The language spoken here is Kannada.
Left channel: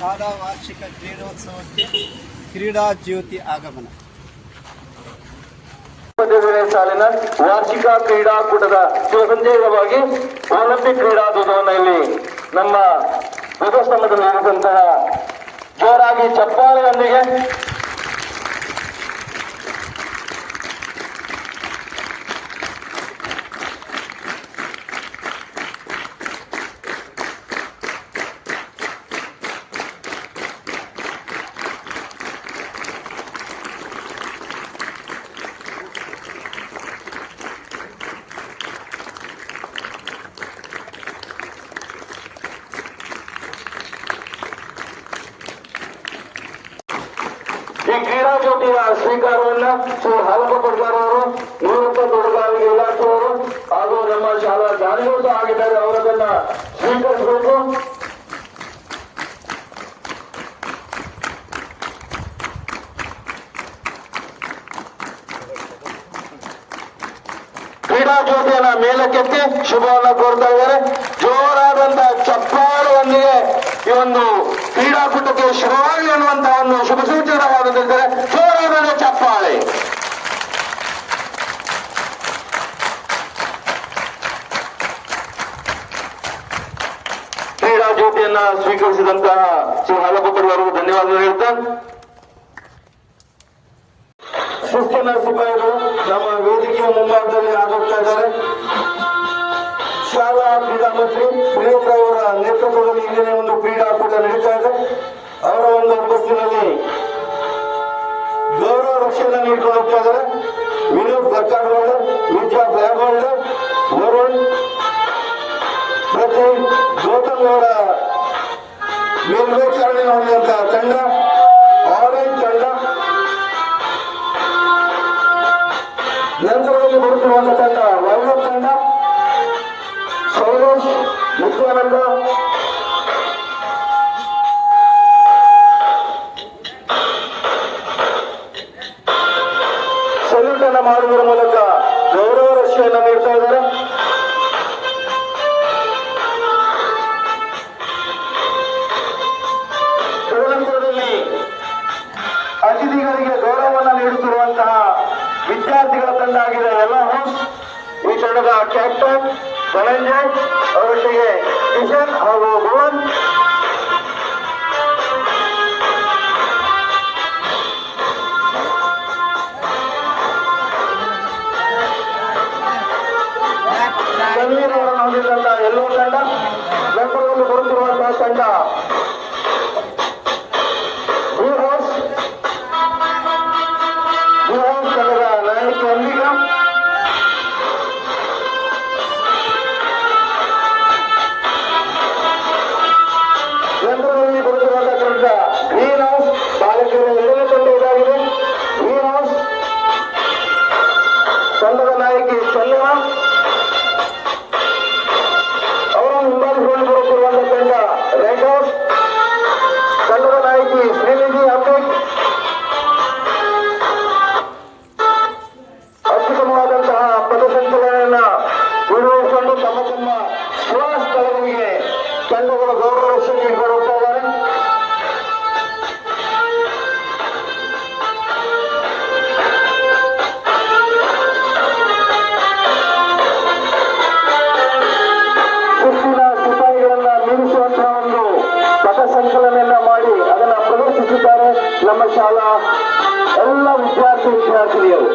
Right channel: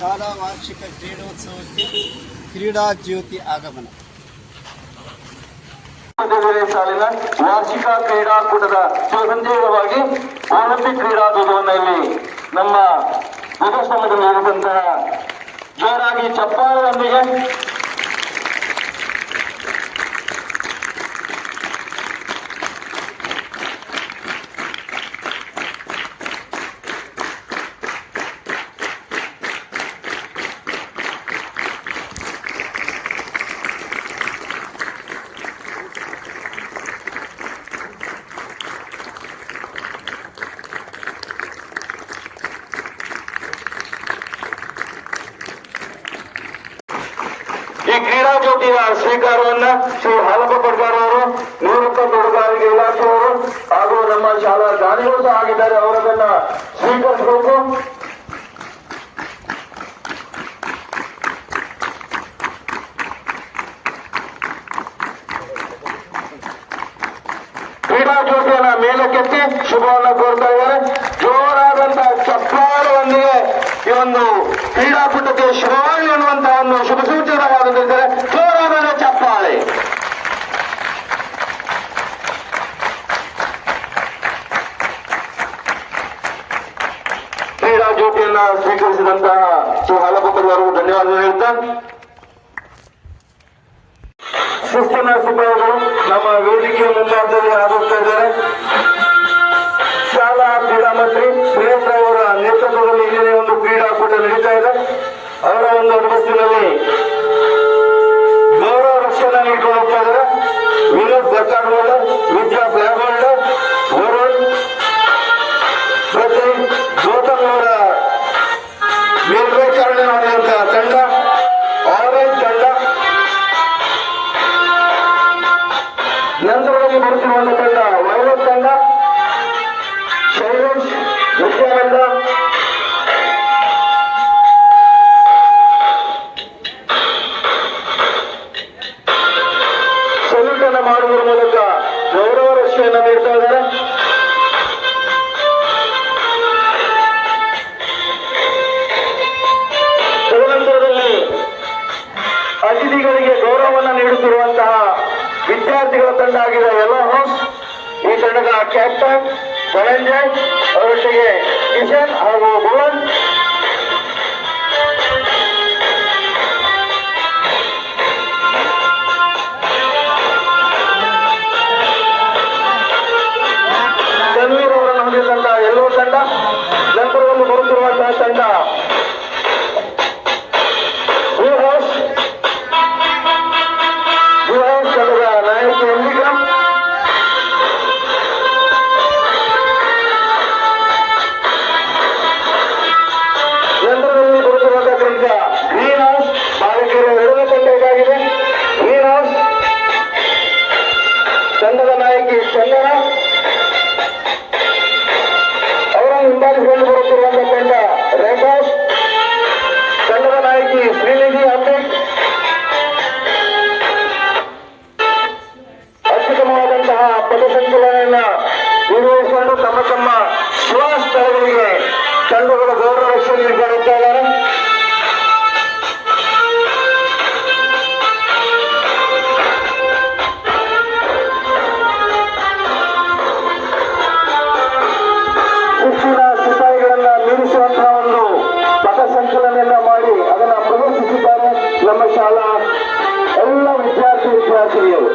ಶಾಲಾ ವಾರ್ಷಿಕ ಕ್ರೀಡೋತ್ಸವಕ್ಕೆ ಕ್ರೀಡಾ ಜ್ಯೋತಿ ಆಗಮನ. ಸಾಲಿನ ವಾರ್ಷಿಕ ಕ್ರೀಡಾಕೂಟದ ಸುಸಂದೇಹವಾಗಿ ಒಲಿಂಪಿಕ್ ಕ್ರೀಡಾಧ್ವಜವನ್ನು ಇಲ್ಲಿ ನಮ್ಮ ಧ್ವಜಸ್ತಂಭದಲ್ಲಿ ಇರುವಂತಹ ಜೋರಾಗಿ ಚಪ್ಪಾಳೆಯೊಂದಿಗೆ ಈ ಕ್ರೀಡಾ ಜ್ಯೋತಿಯ ಸ್ವೀಕಾರವನ್ನ ಶ್ರೀ ಹಾಲಪ್ಪ ಪಡ್ಗಾರ್ ಅವರು ನಿವೃತ್ತ ತೋಟಗಾರಿಕೆ ಇಲಾಖೆಯವರು ಹಾಗೂ ನಮ್ಮ ಶಾಲಾ ದಾನಿಗಳು ಸಹ ಆಗಿದ್ದಾರೆ ಅವರದನ್ನ ಸ್ವೀಕರಿಸಬೇಕು ಕ್ರೀಡಾ ಜ್ಯೋತಿಯನ್ನ ಮೇಲಕ್ಕೆತ್ತಿ ಶುಭವನ್ನ ಕೋರ್ತಾ ಇದ್ದಾರೆ ಜೋರಾದಂತಹ ಚಪ್ಪಾಳದೊಂದಿಗೆ ಈ ಒಂದು ಕ್ರೀಡಾಕೂಟಕ್ಕೆ ಶುಭವಾಗಿ ಅನ್ನುವಂತಹ ಒಂದು ಶುಭ ಸೂಚನವಾಗುತ್ತದೆ ಸೋರಾಮನ ಚಪ್ಪಾಳೆ. ಕ್ರೀಡಾ ಜ್ಯೋತಿಯನ್ನ ಸ್ವೀಕರಿಸಿದಂತಹ ಶ್ರೀ ಹಾಲಪ್ಪರಿವರೆಗೂ ಧನ್ಯವಾದ ಹೇಳ್ತಾ. ಶಿಸ್ತನ ಸಿಬ್ಬಂದಿಗಳು ನಮ್ಮ ವೇದಿಕೆಯ ಮುಂದೆ ಆಗುತ್ತಾ ಇದ್ದಾರೆ. ಶಾಲಾ ಕ್ರೀಡಾ ಮಂತ್ರಿ ಸುರೇಶ್ ನಿತ್ಯಾನಂದ ಸಲ್ಯೂಟ್ ಅನ್ನ ಮಾಡುವುದರ ಮೂಲಕ ಗೌರವ ರಕ್ಷೆಯನ್ನು ನೀಡ್ತಾ ಇದ್ದಾರೆ. ತದನಂತರದಲ್ಲಿ ಅತಿಥಿಗಳಿಗೆ ಗೌರವವನ್ನು ನೀಡುತ್ತಿರುವಂತಹ ವಿದ್ಯಾರ್ಥಿಗಳ ತಂಡ ಆಗಿದೆ. ಎಲ್ಲ ಹೌಸ್ ಈ ತಂಡದ ಕ್ಯಾಪ್ಟನ್ ಧನಂಜಯ್, ಅವರೊಟ್ಟಿಗೆ ಕಿಶನ್ ಹಾಗೂ ಭುವನ್ ತನ್ವೀರ್ ಅವರನ್ನು ಹೊಂದಿದಂತಹ ಎಲ್ಲೋ ತಂಡ ನಂತರದಲ್ಲಿ ಬರುತ್ತಿರುವಂತಹ ತಂಡ పండుగ నాయకి చెల్లె ಪಥಸಂಚಲನೆಯನ್ನ ಮಾಡಿ ಅದನ್ನ ಪ್ರದರ್ಶಿಸಿದ್ದಾರೆ ನಮ್ಮ ಶಾಲಾ ಎಲ್ಲ ವಿದ್ಯಾರ್ಥಿ ವಿದ್ಯಾರ್ಥಿನಿಯರು.